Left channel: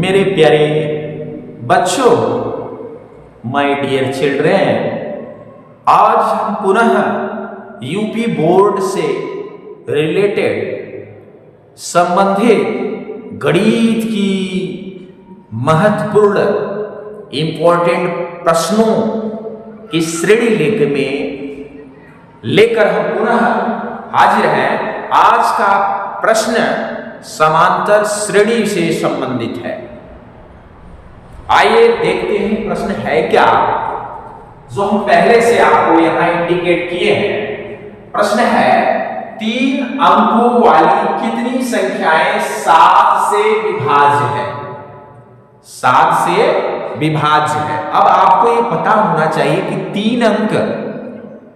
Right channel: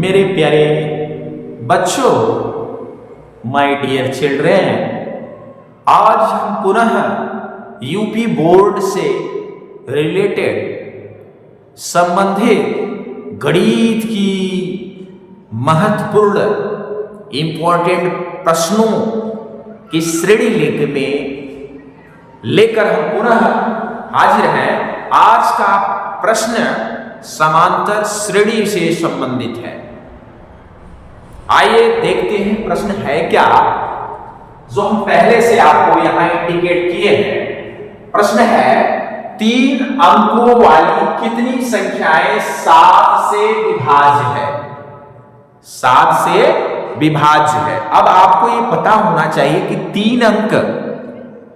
मेरे प्यारे बच्चों, माय डियर चिल्ड्रेन, आज हम पुनः यूपी बोर्ड से रिलेटेड संबंधित गणित की महत्वपूर्ण इंपॉर्टेंट प्रश्नों की श्रेणी लेकर हम पुनः हाजिर हैं। आज का प्रश्न समांतर श्रेणी से संबंधित है। आइए देखते हैं प्रश्न है क्या, जो हम पहले से आपको यहां इंडिकेट किए हैं। प्रश्न है 3 अंकों वाली कितनी संख्याएं 7 से विभाज्य है? 7 से विभाज्य है। अब आपको ये पता होना चाहिए कि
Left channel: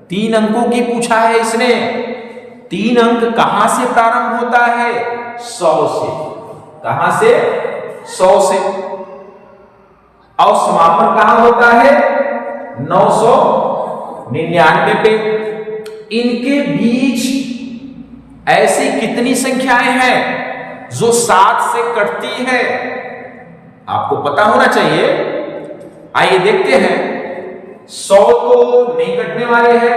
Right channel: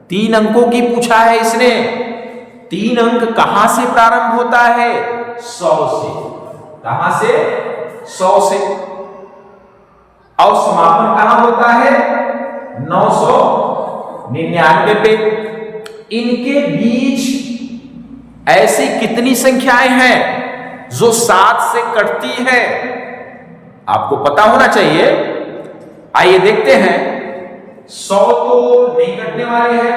3 अंकों की पूछा है इसने। 3 अंक कहां से प्रारंभ होता है? 100 से। कहां से? 100 से। और समापन कहां होता है? 999 पे। इनके बीच ऐसी कितनी संख्याएं हैं जो 7 से कटती है? आपको पता होना चाहिए। आइए देखते हैं। 100 तो नहीं कटने वाले हैं,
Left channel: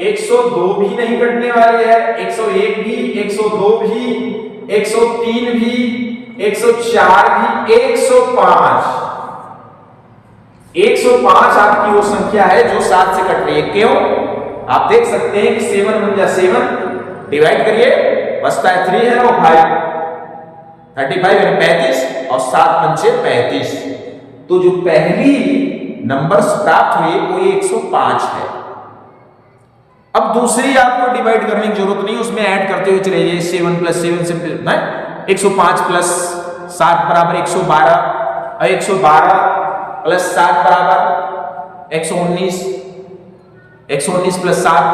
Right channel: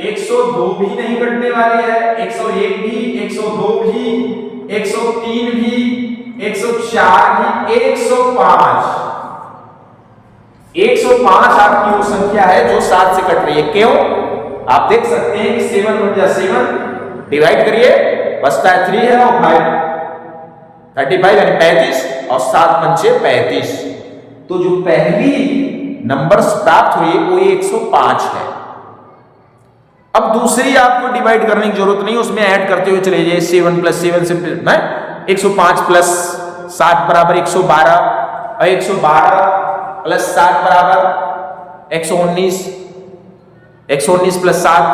102 भी नहीं कटने वाली है, 101 भी, 102 भी, 103 भी, 104 भी, 105 आपकी वो संख्या है जो 7 से कट रही है। क्यों? आप देख सकते हैं कि 7 1 जा 7, डिवाइड करिए, बचता है 3 है और 5, 35 यानी 35 और 7 पंचे 35। तो जो पहली नंबर्स प्राप्त हुए वो 105 है। अब दूसरी आपको डिवाइड करने की जरूरत नहीं, उसमें ऐड करते हुए चले जाइए। 7 + 7 से 105 + 7 बराबर 112 और 112 + 7 बराबर 119, 119 + 7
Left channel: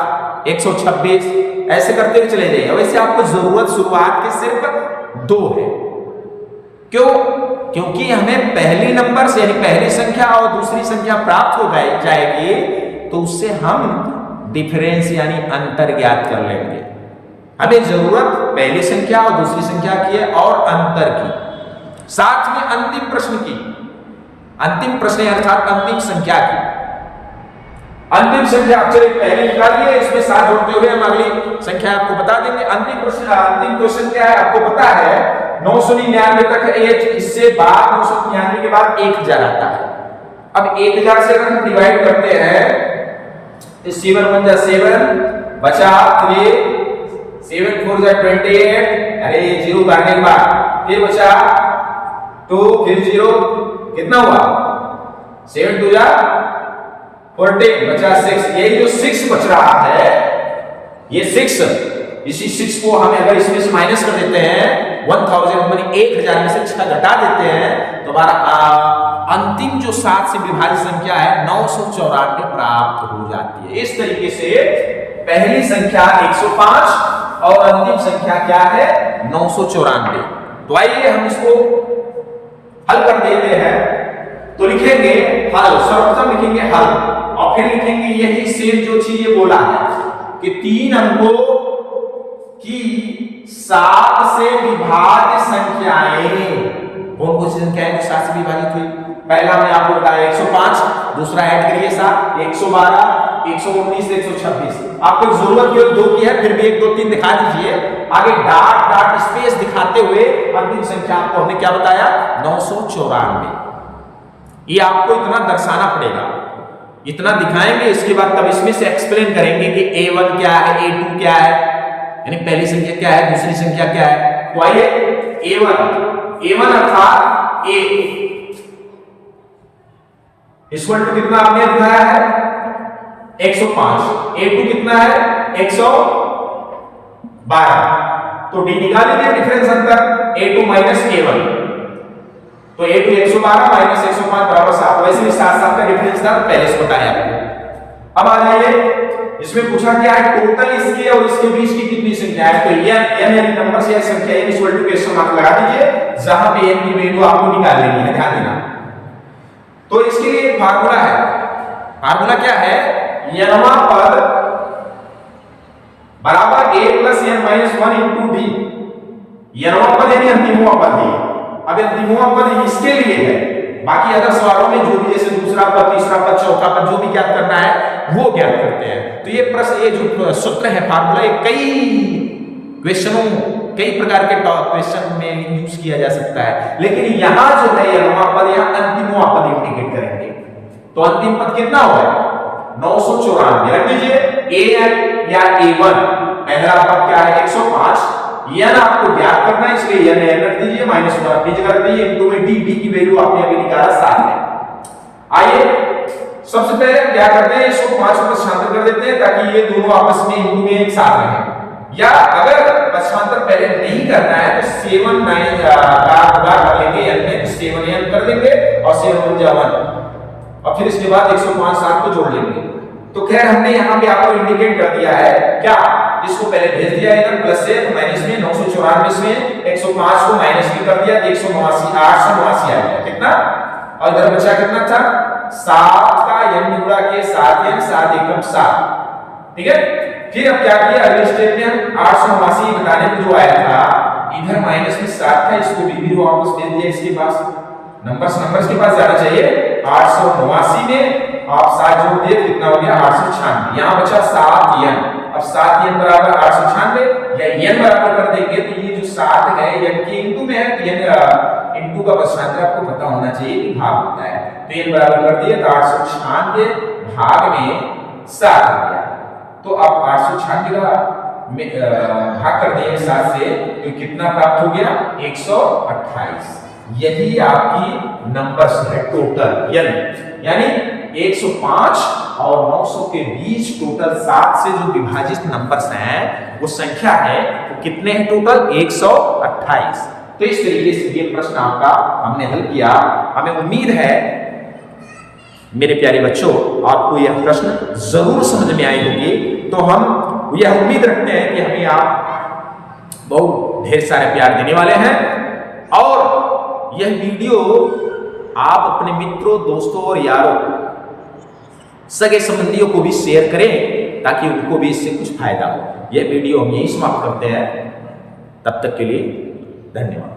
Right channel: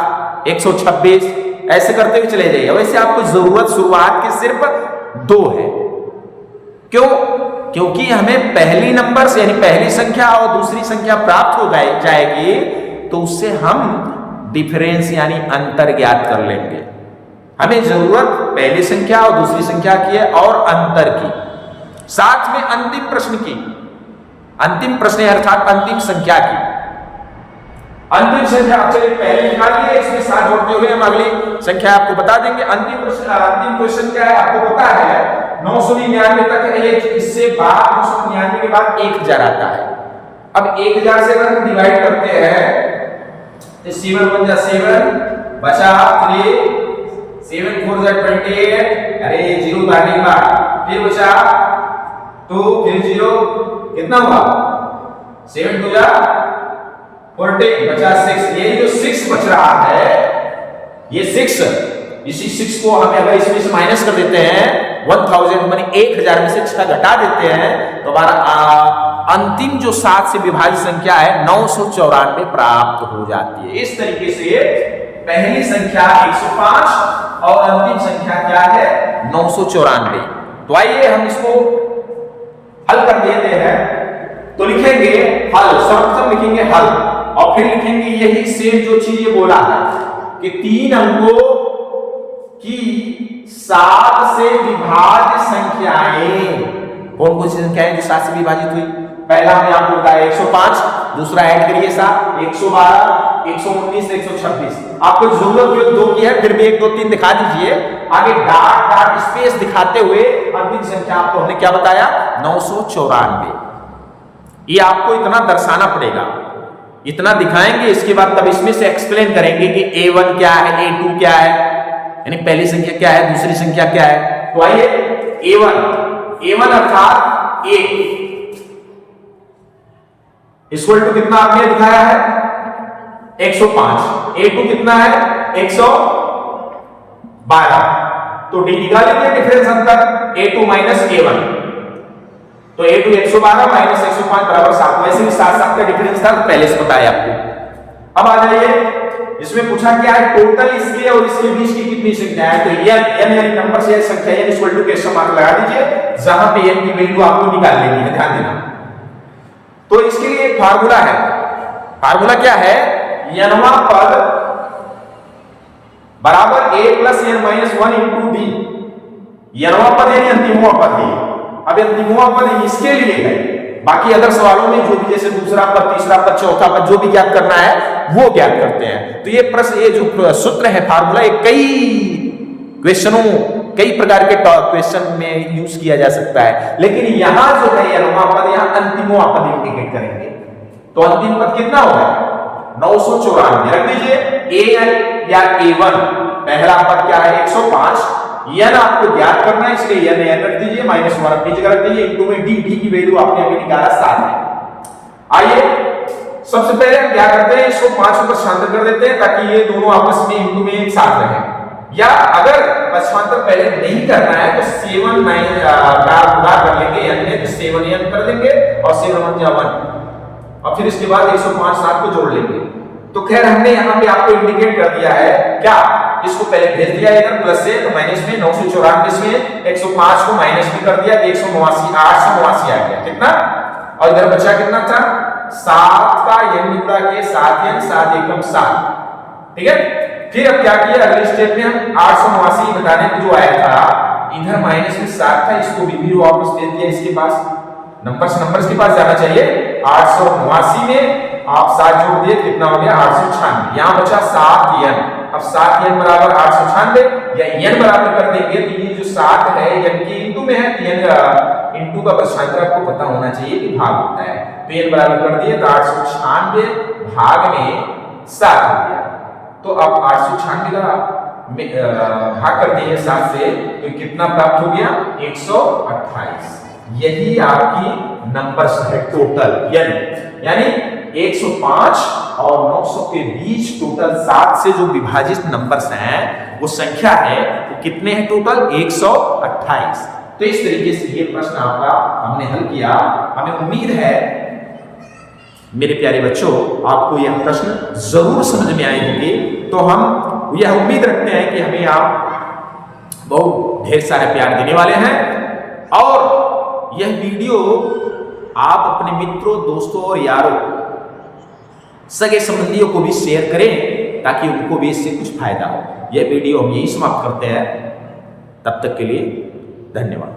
126, ऐसे करते हुए चले जाइए। वैसे आपको जरूरत शुरुआत की सिर्फ 2 है। क्यों? क्योंकि हमें पहली नंबर यानी पहली संख्या और दूसरी संख्या प्राप्त हो जाएगी, तो उससे हम डिफरेंस यानी अंतर ज्ञात कर लेंगे। हमें जरूरत पहली संख्या और दूसरी संख्या की है और अंतर की, साथ में अंतिम प्रश्न की। अंतिम प्रश्न अर्थात अंतिम संख्या की। अंतिम संख्या आप चलिए पहले निकाल लिए, इसमें 7 जोड़ते हुए हम अगली संख्या आपको बता देंगे। अंतिम क्वेश्चन क्या है आपको पता है? 999 तक है। इससे बाद 999 के बाद 1000 आता है। अब 1000 से अगर हम डिवाइड करते हैं तो 7 1 जा 7, बचा 3, 7 4 जा 28, अरे 0 काटने के बाद फिर बचा 2, फिर 0, कितना हुआ? 7 2 जा 14, बचा 6। ये जो 6 बच रहा है, ये 6, इसी 6 को हम अगर इसमें से माइनस कर देते हैं 1000 मानी 1000 में से 6 घटा देते हैं तो हमारा अंतिम जो 7 से विभाजित संख्या है 994 प्राप्त हो जाती है। इस तरीके से पहली संख्या 105 और अंतिम संख्या क्या है? 994। तो आइए हम इसको हल कर देते हैं। तो लिखेंगे हल, सर्वप्रथम लिखेंगे हल और फिर लिखेंगे यही सेम जो चीज ये बोला है कि 3 अंकों की 7 से विभाज्य संख्याएं। कौन कौन सी संख्याएं जो 7 से विभाजित हुई? पहला हमने आपको बताया 105, दूसरा ऐड करिए 7, 112, 119, 126। आपको जरूरत केवल 2 की है, फिर भी 1 2 3 दिखा दीजिए। आगे डॉट स्पेस दिखाते हुए अंतिम संख्या आपको हमने क्या बताया? 994। ये आपको इतना दर्शाना पड़ेगा, इतना दिखाएंगे, इसके बाद तब इसमें से एक्सप्लेन करेंगे कि A1 क्या है, A2 क्या है, यानी पहली संख्या क्या है, दूसरी संख्या क्या है। तो आइए A1 अर्थात A इक्वल टू कितना आपने दिखाया है? 105। A2 कितना है? 112। तो डी निकाल लीजिए डिफरेंस अंतर, A2 - A1। तो A2 112 - 105 बराबर 7। वैसे भी 7 का डिफरेंस था, पहले से बताया आपको। अब आ जाइए, इसमें पूछा क्या है? टोटल इसके और इसके बीच की कितनी संख्या है? तो n यानी नंबर से संख्या n equal to question mark लगा दीजिए, जहां पे n की वैल्यू आपको निकाल लेनी है, ध्यान देना। तो इसके लिए एक फार्मूला है। फार्मूला क्या है? nवां पद बराबर a + n - 1 * d। nवां पद यानी अंतिमवां पद ही अब अंतिमवा पद इसके लिए है, बाकी अदर सवालों में जो भी जैसे दूसरा पद, तीसरा पद, चौथा पद जो भी ज्ञात करना है वो ज्ञात करते हैं। तो ये प्रश्न, ये जो सूत्र है, फार्मूला, ये कई क्वेश्चनों, कई प्रकार के क्वेश्चन में यूज किया जा सकता है, लेकिन यहां जो है यह पद, यहां अंतिमवा पद इंडिकेट करेंगे। तो अंतिम पद कितना होगा? 994 रख दीजिए। an या a1 पहला पद क्या है? 105। n आपको ज्ञात करना है, इसलिए n रख दीजिए, -1 अपनी जगह रख दीजिए, इनटू में d की वैल्यू आपने अभी निकाला 7 है। आइए सबसे पहले हम क्या करते हैं, 105 को पक्षांतर कर देते हैं ताकि ये दोनों आपस में इनटू में एक साथ रहें। या अगर पक्षांतर पहले नहीं करना है तो 7 9 का गुणा कर लेंगे n में, तो 7n कर देंगे और 7 1 जा 1, और फिर इसके बाद 105 7 को जोड़ लेंगे। तो खैर हमने यहाँ पे आपको इंडिकेट कर दिया है क्या, इसको पहले भेज दिया इधर प्लस से, तो माइनस में 994 में 105 को माइनस में कर दिया, तो 189 8 से 89 आ गया कितना, और इधर बचा कितना था 7 का n गुणा किए 7n 7 एकम 7, ठीक है। फिर अब क्या किया, अगले स्टेप में हम 889 बताने को जो आया था इधर माइनस में 7 था, इसको भी वापस भेज दिया इसके पास, नंबर्स के पास जाना चाहिए। 889 में आप 7 जोड़ दिए, कितना हो गया 896, यहां बचा 7n। अब 7n बराबर 896, या n बराबर कर देंगे तो ये जो 7 है n के इनटू में है, तो n इनटू का पक्षांतर आपको पता होना चाहिए कि भाग होता है, तो n बराबर कर दिए, तो 896 भाग में 7 हो गया। तो अब 896 का भाग कर दिए 7 से, तो कितना प्राप्त हो गया 128। यही आपकी नंबर्स है टोटल n, यानी 105 और 900 के बीच टोटल 7 से जो विभाजित नंबर्स हैं वो संख्या है, वो कितने हैं टोटल 128। तो इस तरीके से ये प्रश्न आपका हमने हल किया। हमें उम्मीद है मेरे प्यारे बच्चों आपको यह प्रश्न जरूर समझ में आई होगी। तो हम यह उम्मीद रखते हैं कि हमें आप बहुत ढेर सारे प्यार देने वाले हैं, और यह वीडियो आप अपने मित्रों, दोस्तों और यारों, सगे संबंधियों को भी शेयर करें ताकि उनको भी इससे कुछ फायदा हो। यह वीडियो हम यही समाप्त करते हैं। तब तक के लिए धन्यवाद।